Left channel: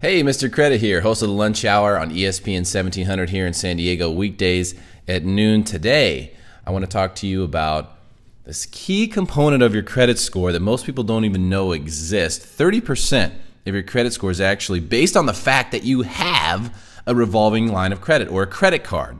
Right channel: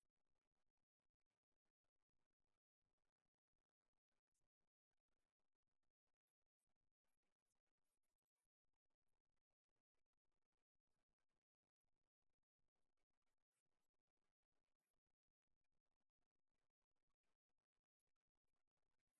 Hey, Mr. Credit here, host of the Lunch Hour on ESPN 1700 here in San Diego, weekdays at noon. Today, I want to talk to you about this key component of your credit score that most people don't even know exists. 30% of your credit score is actually based on the fact that you have a revolving line of credit or a credit card.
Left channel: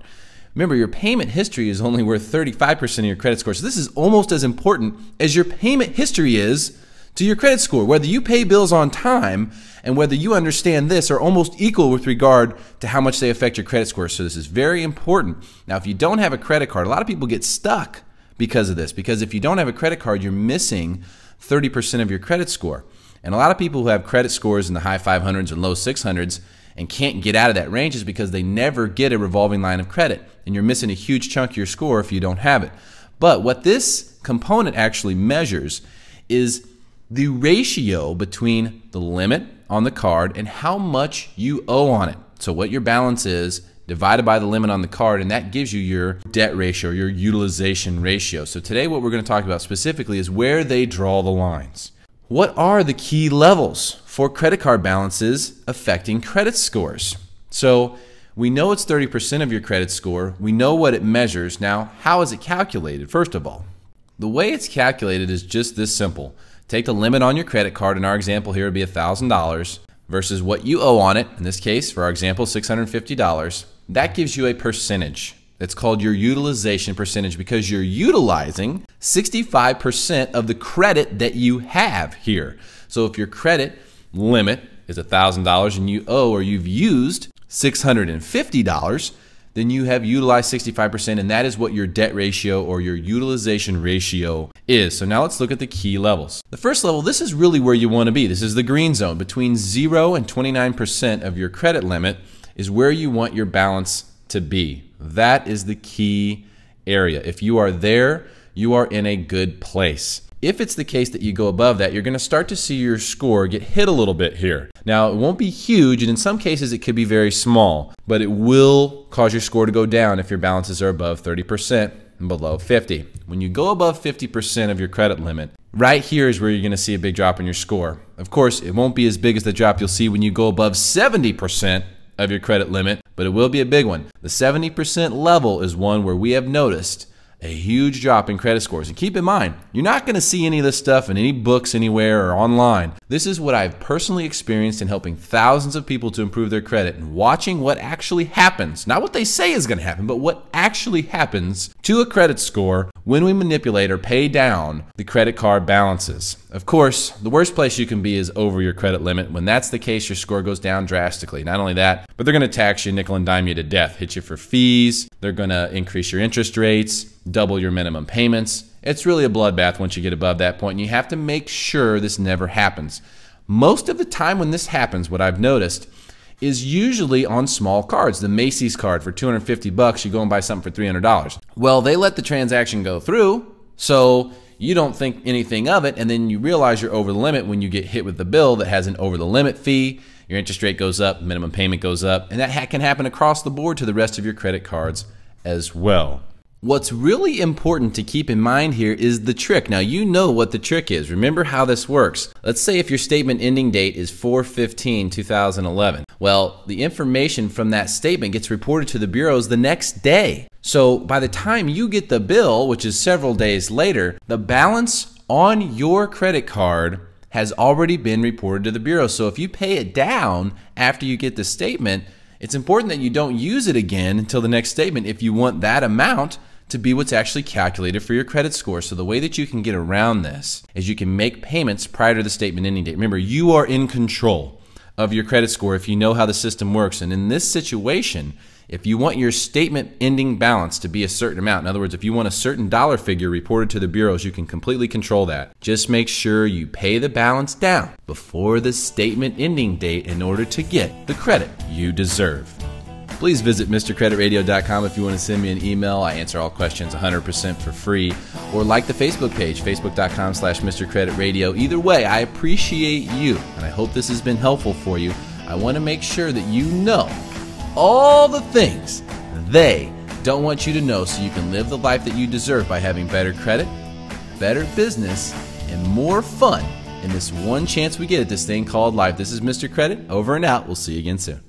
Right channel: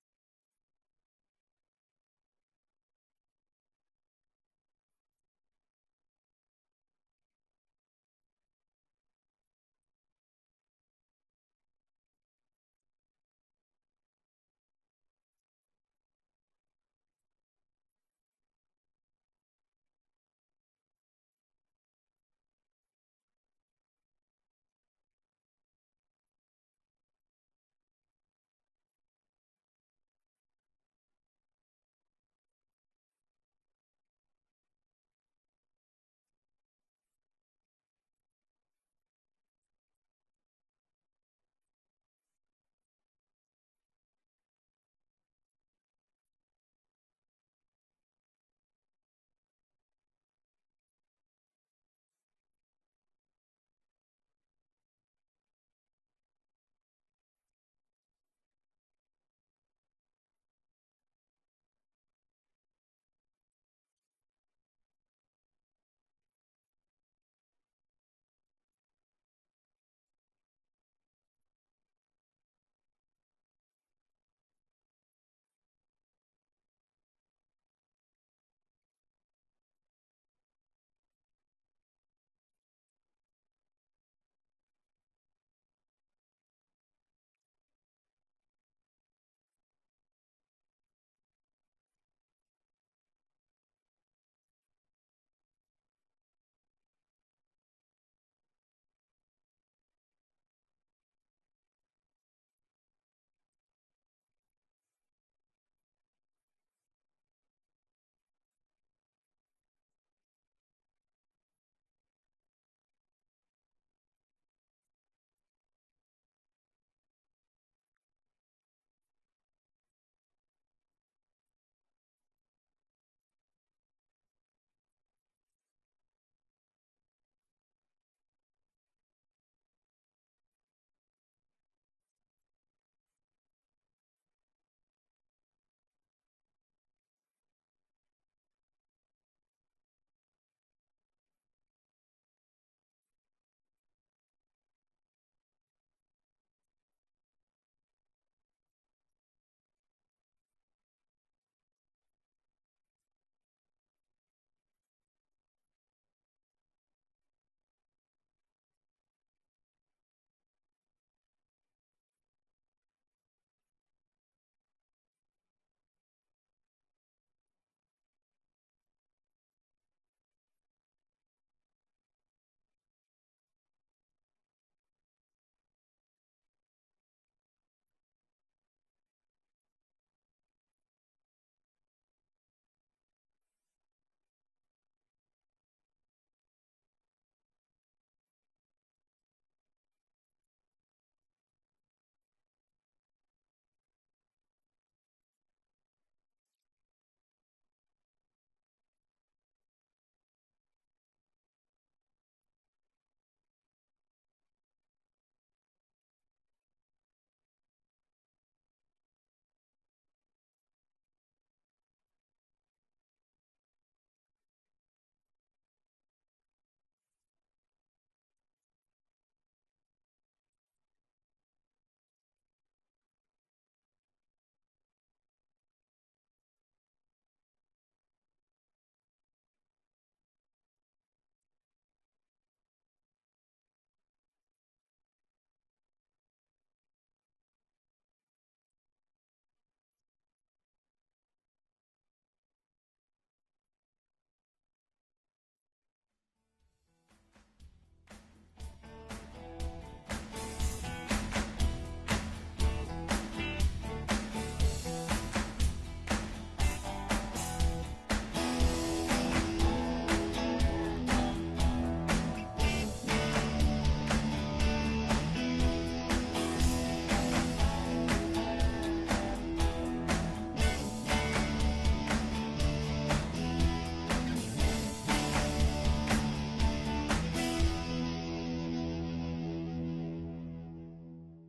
Remember, your payment history is only worth 35% of your credit score, so this is almost as important as your payment history is to your credit score. Whether you pay bills on time and whether you understand this are almost equal with regard to how much they affect your credit score. So this is very important. Now, if you don't have a credit card, a lot of people get stuck because of this, because if you don't have a credit card, you're missing 30% of your credit score. And a lot of people who have credit scores in the high 500s and low 600s and can't get out of that range is because they never get a revolving line of credit, and you're missing a huge chunk of your score if you don't have it. But what this component actually measures is the ratio between the limit on the card and how much you owe on it. So what your balance is divided by the limit on the card, and that gives you your debt ratio, your utilization ratio. So today what we're going to talk about specifically is where they draw the lines. What are the key levels for credit card balances affecting credit scores? So we know it's 30% of your credit score. We know what it measures. Now, how is it calculated? First of all, the way it's calculated is just this simple. Take the limit on your credit card. In our example here, it would be $1,000 versus what you owe on it. In this case, for our example, $650. That gives you a percentage. It's called your utilization percentage because you're utilizing 65% of the credit that you have here. So if your credit limit is $1,000 and you owe or you've used $650, then you have utilized 65%, and that is what your debt ratio or your utilization ratio is. So now let's look at the key levels. The first level, this is really where you want to be. This is the green zone. Between 0 and 29% of your credit limit is where you want your balance to be. That is the key area. If you are there, you are in a good place. If it's the case that you go above that, you're going to start to see your score get hit a little bit here. Now, it won't be huge, and in some cases it could be very small, but it will cause your score to go down if your balances are above 30% and below 50. When you go above 50% of your credit limit, right here is where you're going to see a big drop in your score. Of course, it won't be as big as the drop you'll see when you go above 70% of your credit limit, but it will be a big one. The 70% level is one where we have noticed a huge drop in credit scores. And keep in mind, you're not going to see any of this stuff in any books anywhere or online. This is what I've personally experienced in helping thousands of people to improve their credit and watching what actually happens. Not what they say is going to happen, but what actually happens to a credit score when we manipulate or pay down the credit card balances. Of course, the worst place you can be is over your credit limit. When that's the case, your score goes down drastically. Not only that, but they're going to tax you, nickel and dime you to death, hit you for fees. They're going to increase your interest rates, double your minimum payments. It's really a bloodbath once you get above that point, and you have to make sure this never happens. Most of the time when this happens, what I've noticed is usually on small cards. The Macy's card for $250, you go and buy something for $300. Well, they let the transaction go through, so you don't think anything of it, and then you realize you're over the limit when you get hit with the bill that has an over the limit fee. Your interest rate goes up, minimum payment goes up, and that can happen across the board to the rest of your credit cards as well. What's really important to keep in mind here is the trick. Now, you know what the trick is. Remember how this works. Let's say if your statement ending date is 4/15/2011. Well, the information from that statement gets reported to the bureaus the next day. So by the time you get the bill, which is several days later, the balance on your credit card has already been reported to the bureau. So if you pay it down after you get the statement, it's important that you don't use it again until the next statement if you want that amount to be what's actually calculated for your credit score. So the way that you can get around this is you can make payments prior to the statement ending date. Remember, you are in control of your credit score if you know how the system works. And in this situation, if you want your statement ending balance to be a certain amount, in other words, if you want a certain dollar figure reported to the bureaus, you can completely control that. Just make sure you pay the balance down before the statement ending date in order to get the credit you deserve. Please visit MrCreditRadio.com if you want to send me an email. I answer all questions 100% for free. Or like the Facebook page, Facebook.com/MrCreditRadio. Either way, I appreciate you, and I hope this has been helpful for you. I want to make sure that you know all the things they don't want you to know so you can live the life that you deserve by having better credit, better business, and more fun in this one chance we get at this thing called life. This is Mr. Credit, over and out. We'll see you again soon.